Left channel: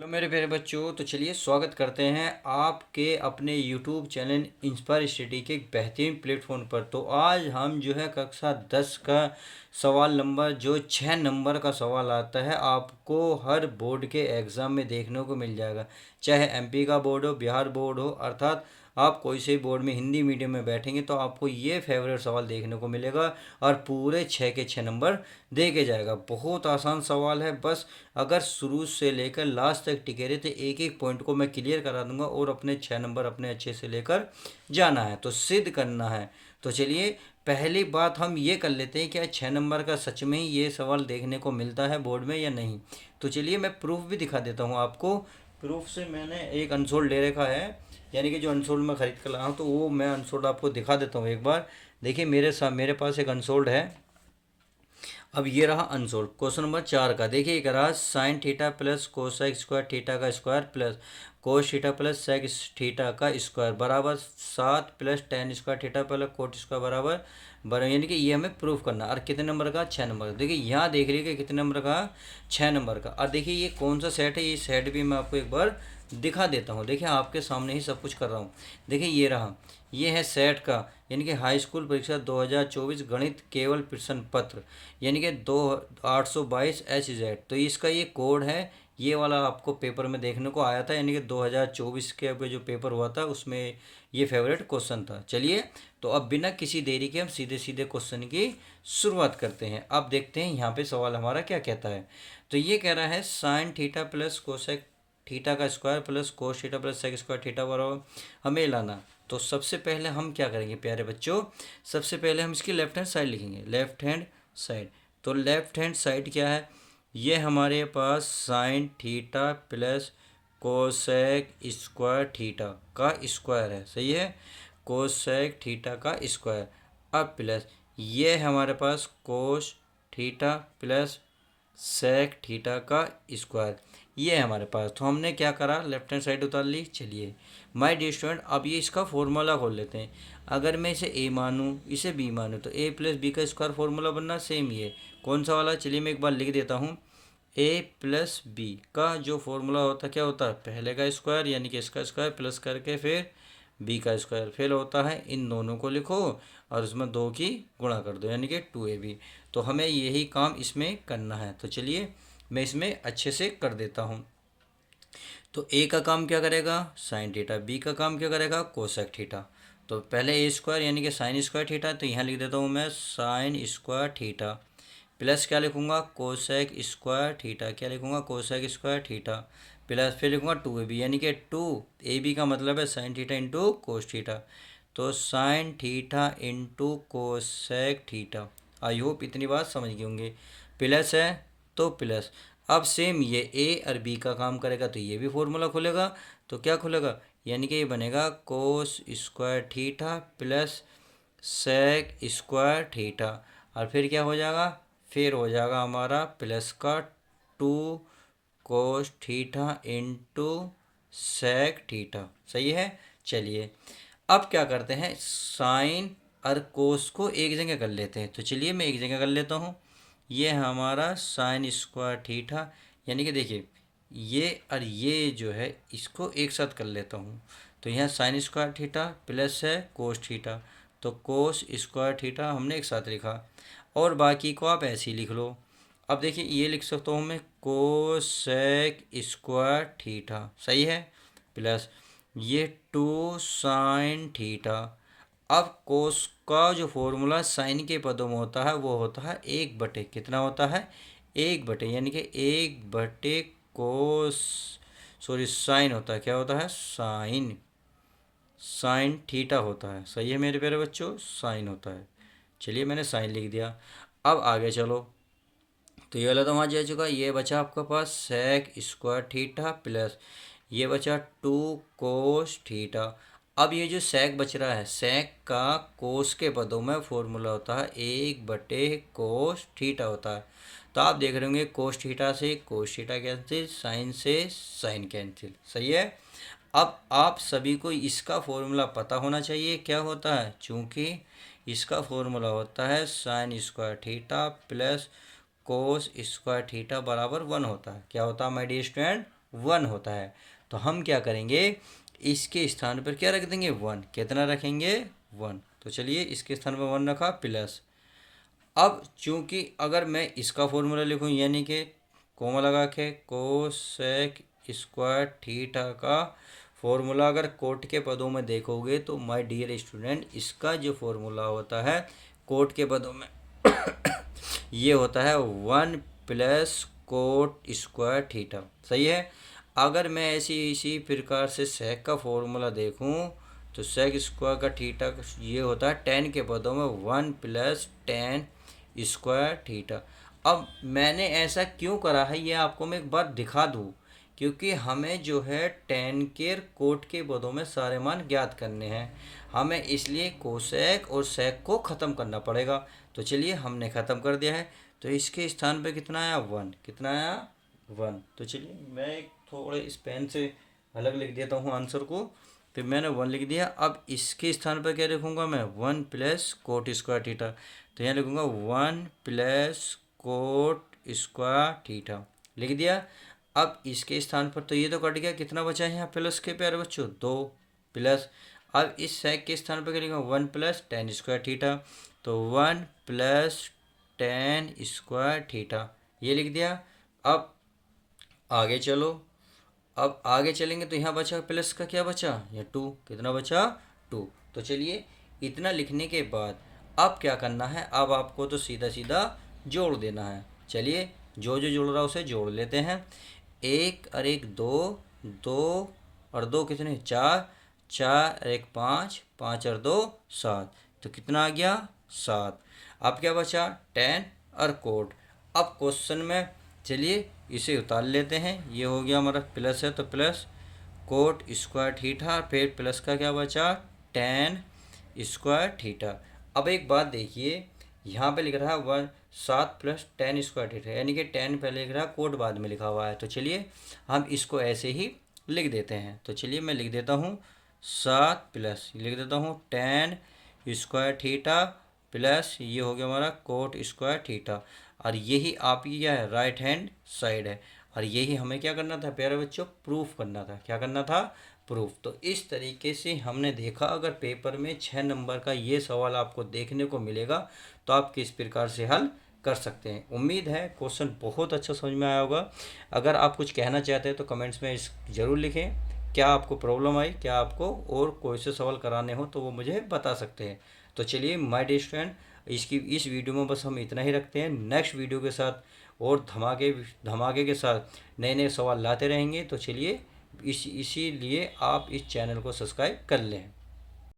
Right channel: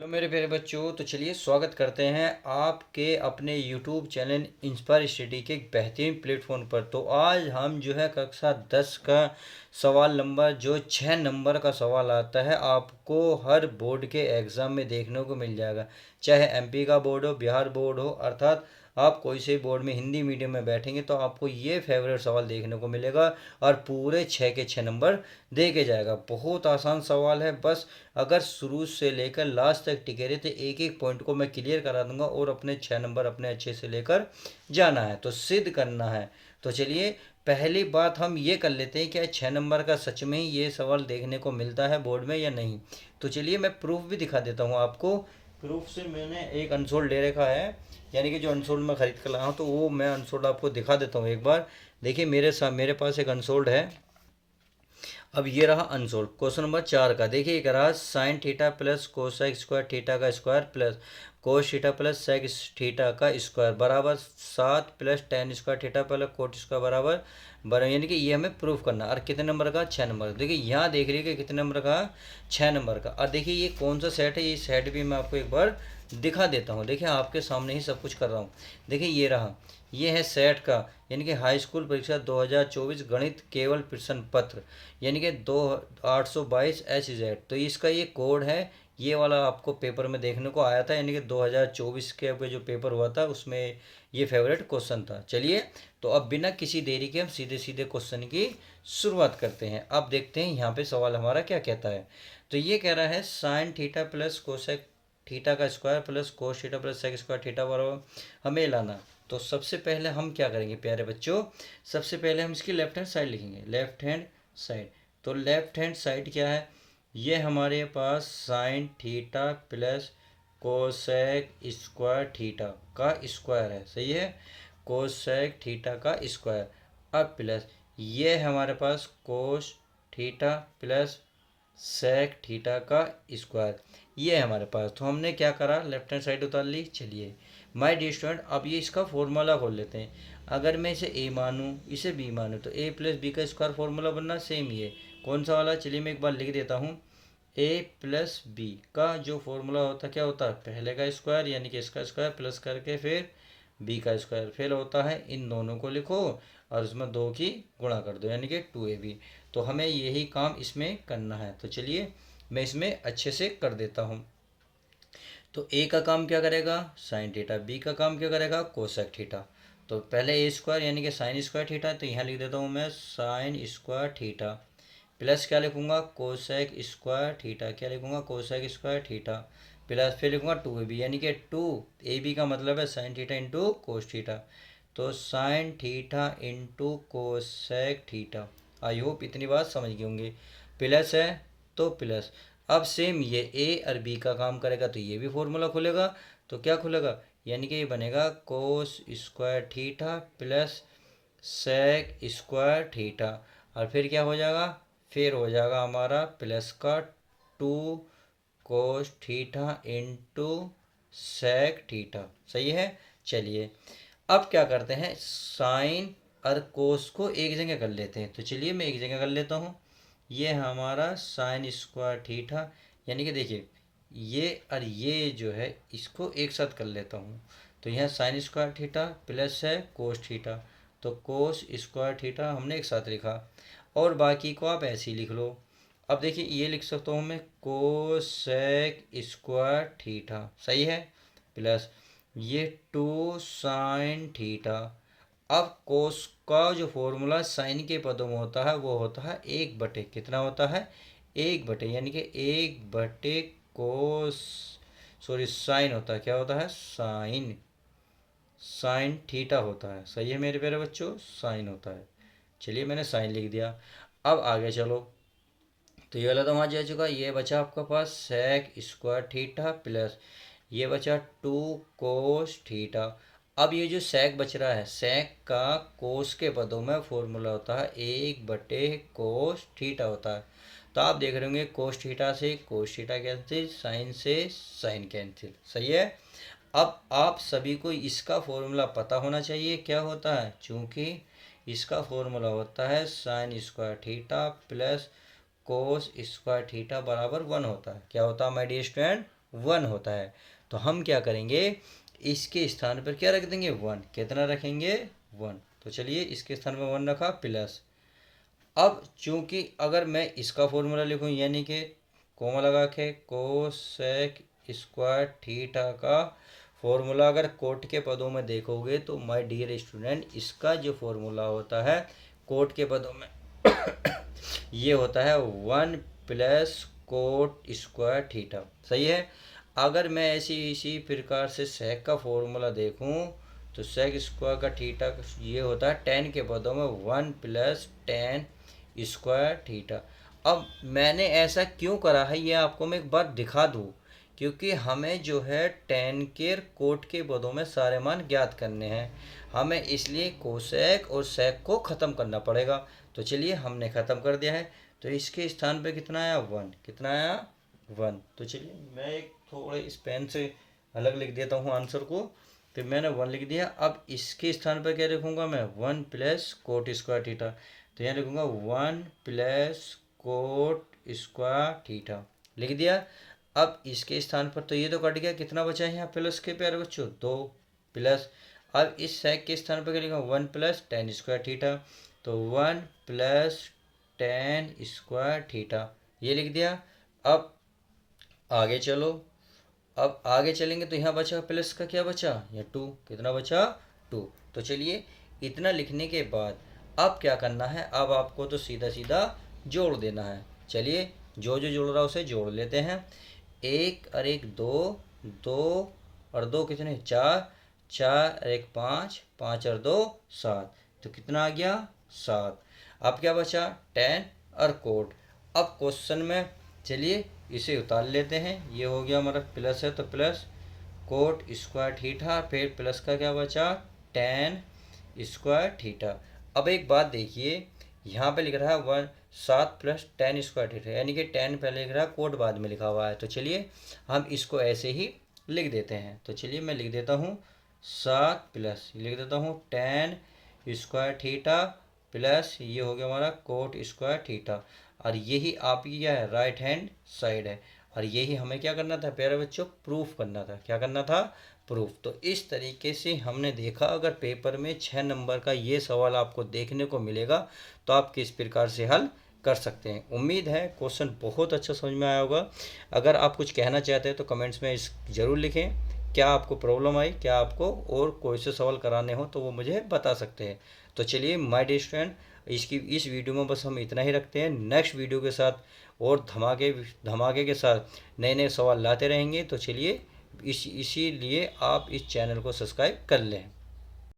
Hello मेरे प्यारे बच्चों, तो चलिए स्वागत करते हैं आपके अपने यूट्यूब चैनल इंस्पायर स्टडी के एक बेहतरीन प्लेटफॉर्म पर। तो आज हम जो है कक्षा 10 का सवाल नंबर जो 6 नंबर का सवाल आता है, आपको हर बोर्ड के एग्ज़ाम में देखने को मिल जाएगा। चाहे एमपी का बोर्ड हो, बिहार बोर्ड हो, अर्थात आप कोई से बोर्ड में हिंदी मीडियम में बैठेंगे तो आपको ये फेवरेट सवाल देखने को मिलेगा और पूरे 6 के 6 नंबर दे के जाएगा। बहुत आसान सवाल है, बस अगर शुरू से लेकर लास्ट तक टिके रहे तो एक एक पॉइंट को मैं क्लियर करा दूंगा और अपने 6 नंबर अपने अच्छे से लेकर जाना है, तो सिद्ध करना है। तो चलिए पहली बात हम ये कर लेते हैं, क्या 6 नंबर का सच में ही ये सवाल देखने को मिलता है बोर्ड में या नहीं। तो चलिए मैं प्रूफ भी दिखा देता हूँ आपको। प्रूफ से मैंने एक अनसोल्ड ले रखा है, यानी कि जो अनसोल्ड मैं ख़रीद कर लाया हूँ, तो वो मैं अनसोल्ड आपको दिखा देता हूँ एक बार। देखिए मेरे पास एक अनसोल्ड है। अब ये रहा अनसोल्व क्वेश्चन नंबर 4 का। देखिए एक रहा sine theta plus cosec square theta का square plus cos theta plus sec theta का स्क्वायर बराबर 7 plus tan square theta plus cot square बराबर बराबर, यानी कि ये हमें प्रूफ करना। और कितने नंबर का? 6 नंबर। देखिए यहाँ देख लीजिए कितने नंबर का? 6 नंबर का। और देखिए ये कौन सा सेट है, ये सेट भी मैं आपको एक बार दिखा देता हूँ। देखिए आपके सामने ही सब कुछ कर रहा हूँ। देखिए ये रहा, ये है सेट का, यानी कि हाई स्कूल परीक्षा 2024 गणित केवल प्रश्न पत्र, यानी कि 2822 HZ। तो इसका ये कोड है, ये वाला आपको पेपर में देखने को आया था, यानी कि 2024 के अब जो पेपर हुआ था उसमें ये फेवरेट क्वेश्चन था। चलिए तो अब बिना किसी देरी के हम सीधे सीधे क्वेश्चन की शुरुआत करते हैं। अब देखते हैं यहाँ पे सवाल हमारा क्या कहता है। तो ये कह रहा है sine theta plus cosec theta का square plus cos theta plus sec square theta बराबर हमें लाना। तो सबसे पहले हम क्या करेंगे प्यारे बच्चों, सबसे पहले हम इसकी लेफ्ट हैंड साइड लिखेंगे। लेफ्ट हैंड साइड, तो लेफ्ट हैंड साइड क्या है, ये हमारे पास sine theta plus cosec square theta का स्क्वायर है, सही है, कोसेक थीटा का स्क्वायर। अब प्लस ये हमारे पास cos theta plus sec theta का स्क्वायर, ये है हमारे पास। तो हमने क्या करा, लेफ्ट हैंड साइड उतार ली। चलिए माय डियर स्टूडेंट, अब ये इसका फॉर्मूला खोल लेते हैं। अगर मैं इसे ए मानूँ इसे बी मानूँ तो ए प्लस बी का स्क्वायर फॉर्मूला बनना सेम ही है। कौन सा वाला? चलिए मैं एक बार लिख देता हूँ। ए प्लस बी का जो फॉर्मूला होता है क्या होता है, पहले का स्क्वायर यानी कि इसका स्क्वायर प्लस करके फिर बी का स्क्वायर, फिर होता है इन दोनों को लिखो और उसमें दो की गुणा कर दो, यानी कि 2ab। तो हमें यही काम इसमें करना है। तो चलिए मैं इसमें अच्छे से कर देता हूँ। तो ए का काम क्या करेगा, साइन थीटा, बी का काम क्या करेगा, कोसेक थीटा। तो पहले ए स्क्वायर यानी कि साइन स्क्वायर थीटा, तो यहाँ लिख देता हूँ मैं साइन स्क्वायर थीटा प्लस क्या लिखूंगा, कोसेक स्क्वायर थीटा, क्या लिखूंगा, कोसेक स्क्वायर थीटा प्लस फिर लिखूंगा 2ab, यानी कि 2ab का मतलब है sine theta into cos theta. तो sine theta into cosec theta. I hope इतनी बात समझ गए होंगे। प्लस है तो प्लस। अब सेम ये ए और बी का काम करेगा तो ये भी फॉर्मूला खुलेगा। तो क्या खुलेगा, यानी कि ये बनेगा cos square theta plus sec square theta. और फिर क्या हो जाएगा, फिर हो जाएगा हमारा प्लस का 2 cos theta into sec theta, सही है। चलिए अब क्या करते हैं, साइन और कोस को एक जगह कर लेते हैं। तो चलिए मैं एक जगह कर लेता हूँ। ये हमारा साइन स्क्वायर थीटा, यानी कि देखिए ये और ये जो है इसको एक साथ कर लेता हूँ। तो यहाँ साइन स्क्वायर थीटा प्लस है कोस थीटा, तो कोस स्क्वायर थीटा हमने एक साथ लिखा और बाकी को आप ऐसे ही लिख लो। अब देखिए ये लिख सकता हूँ मैं कोसेक स्क्वायर थीटा, सही है, प्लस ये 2 साइन थीटा। अब कोस का जो फॉर्मूला साइन के पदों में होता है वो होता है 1/, कितना होता है, 1/, यानी कि 1/, कोस सॉरी साइन होता है, क्या होता है, साइन, साइन थीटा होता है, सही है मेरे प्यारे बच्चों, साइन होता है। चलिए मैंने साइन लिख दिया। अब आगे चलो, तो ये वाला तो वहाँ जा चुका, ये बचा आपका पास सेक स्क्वायर थीटा प्लस ये बचा 2 कोस थीटा। अब ये जो सेक बच रहा है, सेक का कोस के पदों में फॉर्मूला होता है 1/कोस थीटा होता है। तो आप देख रहे होंगे कोस थीटा से कोस थीटा कैंसिल, साइन से साइन कैंसिल, सही है। अब आप सभी को इसका फॉर्मूला पता होना चाहिए क्या होता है, चूँकि इसका फॉर्मूला होता है sine square theta plus cos square theta बराबर 1 होता है, क्या होता है माय डियर स्टूडेंट, 1 होता है। तो हम क्या करेंगे, इसके स्थान पर क्या रख देंगे 1। कितना रखेंगे 1। तो चलिए इसके स्थान पर 1 रखा प्लस। अब चूंकि अगर मैं इसका फॉर्मूला लिखूं यानी कि कोमा लगा के कोसेक स्क्वायर थीटा का फॉर्मूला अगर कोट के पदों में देखोगे तो माय डियर स्टूडेंट इसका जो फॉर्मूला होता है कोट के पदों में ये होता है 1 प्लस कोट स्क्वायर थीटा। सही है। अगर मैं इसी प्रकार से सेक का फॉर्मूला देखूं तो सेक स्क्वायर का थीटा ये होता है टेन के पदों में 1 प्लस टेन स्क्वायर थीटा। अब मैंने ऐसा क्यों करा है ये आपको मैं एक बार दिखा दूँ, क्योंकि हमें जो है टेन के कोट के पदों में सारे मान ज्ञात करने हैं, हमें इसलिए कोसेक और सेक को ख़त्म करना पड़ेगा। तो चलिए हमने ख़त्म कर दिया है। तो इसके स्थान पे कितना आया 1। कितना आया 1। तो चलिए मैं एक थोड़े इस पेन से अलग लिख देता हूँ आंसर को। तो मैंने 1 लिख दिया। अब इसके स्थान पर क्या लिखूँगा मैं 1 प्लस कोट स्क्वायर थीटा। तो यहाँ लिखूँगा 1 प्लस कोट स्क्वायर थीटा लिख दिया। अब इसके स्थान पर तो ये तो कट गया, कितना बचा है यहाँ प्लस के प्यारे बच्चों 2 प्लस। अब इस सेक के स्थान पर क्या लिखा 1 प्लस टेन स्क्वायर थीटा। तो 1 प्लस टेन स्क्वायर थीटा ये लिख दिया। अब आगे चलो, अब आगे चलेंगे तो यहाँ बचा प्लस का क्या बचा ये 2। कितना बचा 2। तो चलिए इतना लिखने के बाद अब क्या करना है, अब आपको तो सीधा सीधा जोड़ देना है। चलिए जो जो जोड़ रहा है उसे जोड़ लेते हैं। 1 और 1 2, 2 और 2 कितने 4, 4 और 1 5, 5 और 2 7। तो कितना आ गया 7। अब क्या बचा 10 और कोट। अब क्वेश्चन में चलिए इसे उतार लेते हैं। ये हो गया हमारा प्लस है तो प्लस कोट स्क्वायर थीटा, फिर प्लस का क्या बचा 10 स्क्वायर थीटा। अब एक बात देखिए यहाँ पे लिख रहा है 7 प्लस 10 स्क्वायर थीटा, यानी कि 10 पहले लिख रहा है कोट बाद में लिखा हुआ है। तो चलिए हम इसको ऐसे ही लिख देते हैं। तो चलिए मैं लिख देता हूँ 7 प्लस लिख देता हूँ 10 स्क्वायर थीटा प्लस ये हो गया हमारा कोट स्क्वायर थीटा। और यही आपकी क्या है राइट हैंड साइड है। और यही हमें क्या करना था प्यारे बच्चों प्रूफ करना था। क्या करना था प्रूफ। तो इस तरीके से हमने देखा अगर पेपर में 6 नंबर का ये सवाल आपको देखने को मिलेगा तो आप किस प्रकार से हल कर सकते हैं। उम्मीद है क्वेश्चन बहुत अच्छा समझ में आया होगा। अगर आप कुछ कहना चाहते हैं तो कमेंट्स में ज़रूर लिखें। क्या आपको प्रॉब्लम आई, क्या आपको और कोई से सवाल कराने हो तो वो मुझे बता सकते हैं। तो चलिए माय डियर स्टूडेंट इस वीडियो में बस हम इतना ही रखते हैं। नेक्स्ट वीडियो के साथ और धमाके के साथ नए नए सवाल लाते रहेंगे। तो चलिए इसीलिए आप इस चैनल को सब्सक्राइब कर लें।